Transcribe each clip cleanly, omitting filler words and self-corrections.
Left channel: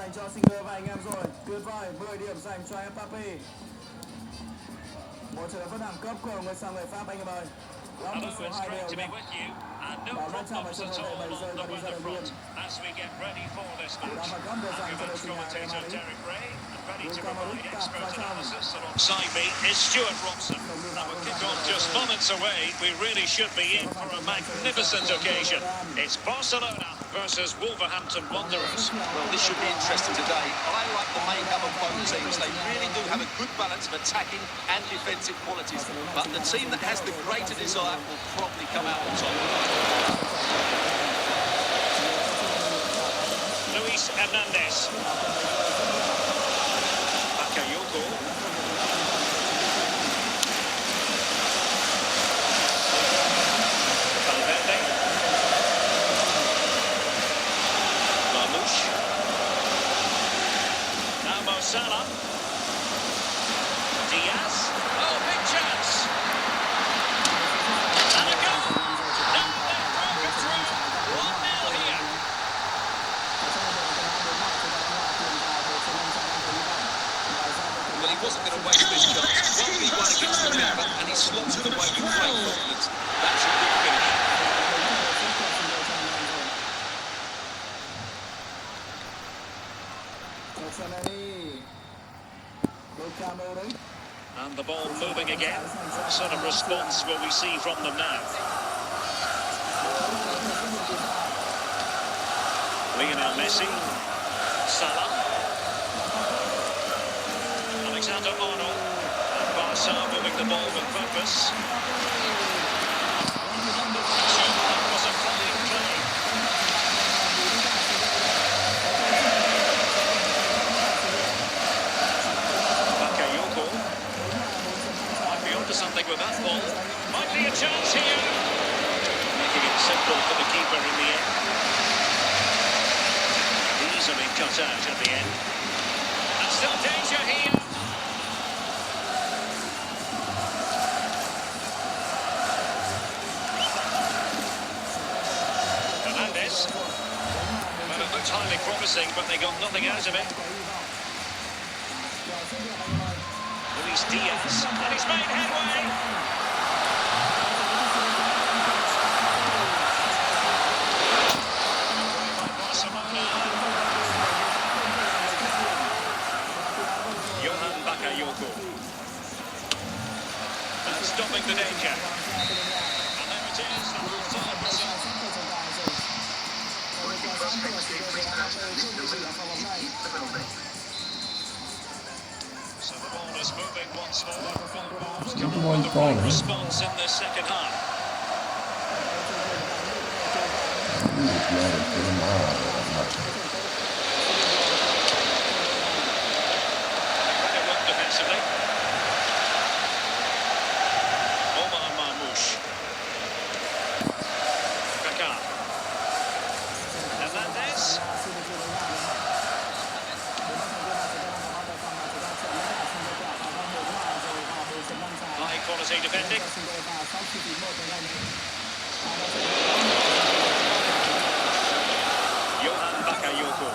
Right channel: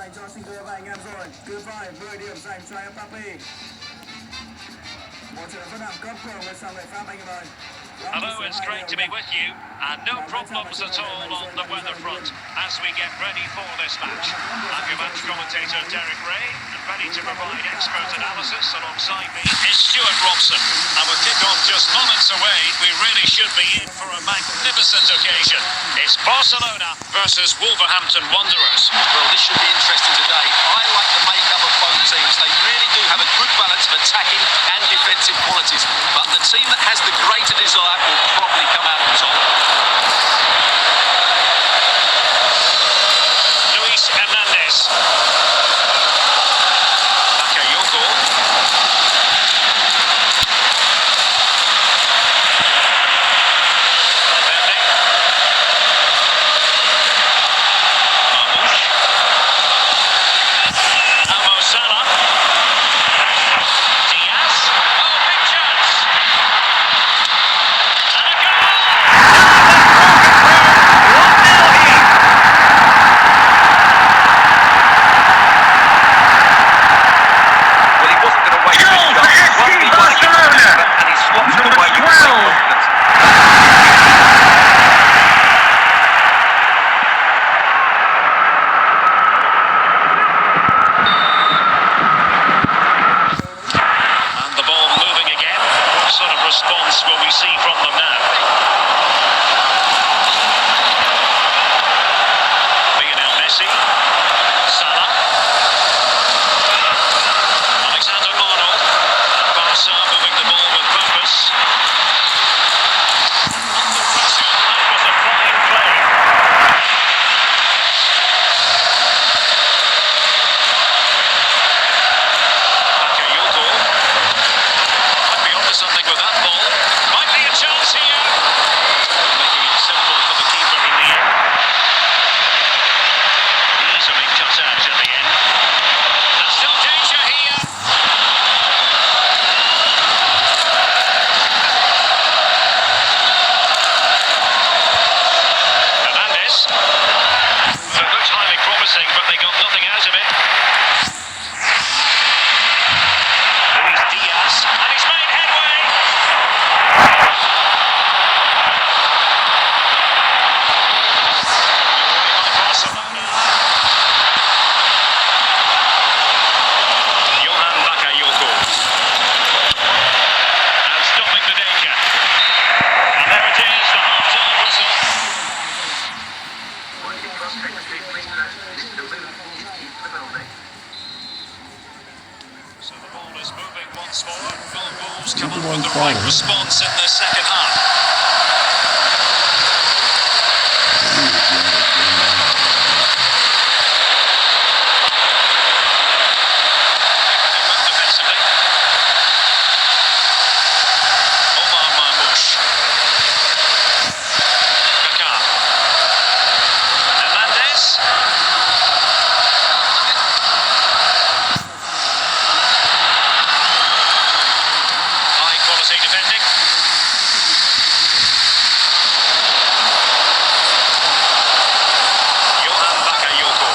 dành cho Singer và anh em rồi. Cứ phải 10 điểm dành cho Mbappe. Một trận rất đẳng cấp của người sang người Pháp anh em ơi. Hello, it's great to be with you, and no problems at all on the weather front as we get ready for this match. I'm your match commentator Derek Ray, and ready to provide expert analysis alongside me is Stuart Robson. And with kick-off just moments away, we really should be in for a magnificent occasion. It's Barcelona versus Wolverhampton Wanderers. Well, this should be interesting today. I like the makeup of both teams. They really do have a good balance of attacking and defensive qualities, but the team that has the greater desire will probably come out on top. Luis Hernandez. Bakayoko. Valverde. Marmoush. Mo Salah. Diaz. Oh, big chance. And a goal! Well, he wasn't going to wait for his shot. He won against and he slots it away with great confidence. And the ball moving again. What sort of response will we see from them now? Lionel Messi. Salah. Alexander-Arnold. And Barca moving the ball with purpose. Under pressure, that was a fine play. Bakayoko. Might be onto something with that ball. Might be a chance here. Making it simple for the keeper in the end. Easily cut out at the end. And still danger here. Hernandez. Well, it looked highly promising, but they got nothing out of it. Luis Diaz, and he's made headway. Away by Barcelona. Johan Bakayoko. And stopping the danger. And there it is, the half-time whistle. So the ball is moving once more. Will Wolves come up with the right response in the second half? They had it well defensively. Omar Marmoush. Kaká. Hernandez. High quality defending. Johan Bakayoko.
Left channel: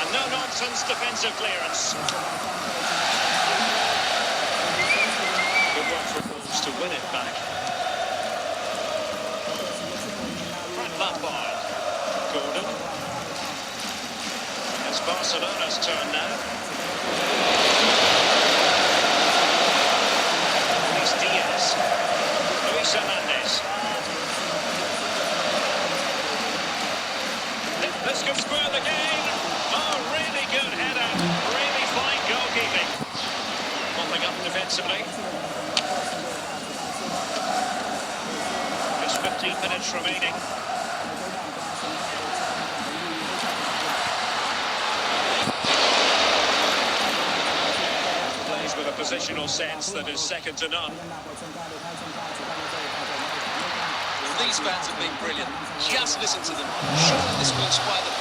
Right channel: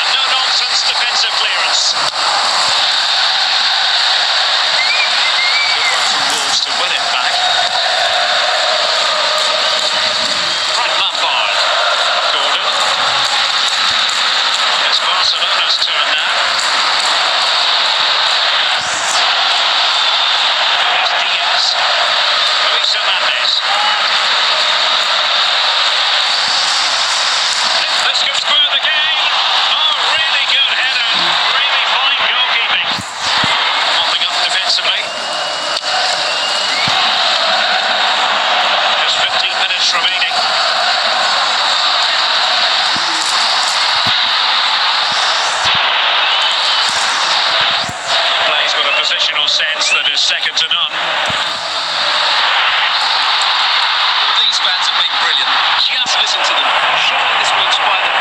And no nonsense defensive clearance. Good work from Wolves to win it back. Frank Lampard. Gordon. It's Barcelona's turn now. Luis Diaz. Luis Hernandez. This could spur the game. Oh, really good header. Really fine goalkeeping. Mopping up defensively. Just 15 minutes remaining. Plays with a positional sense that is second to none. Well, these fans have been brilliant. Just listen to them. Surely this will inspire the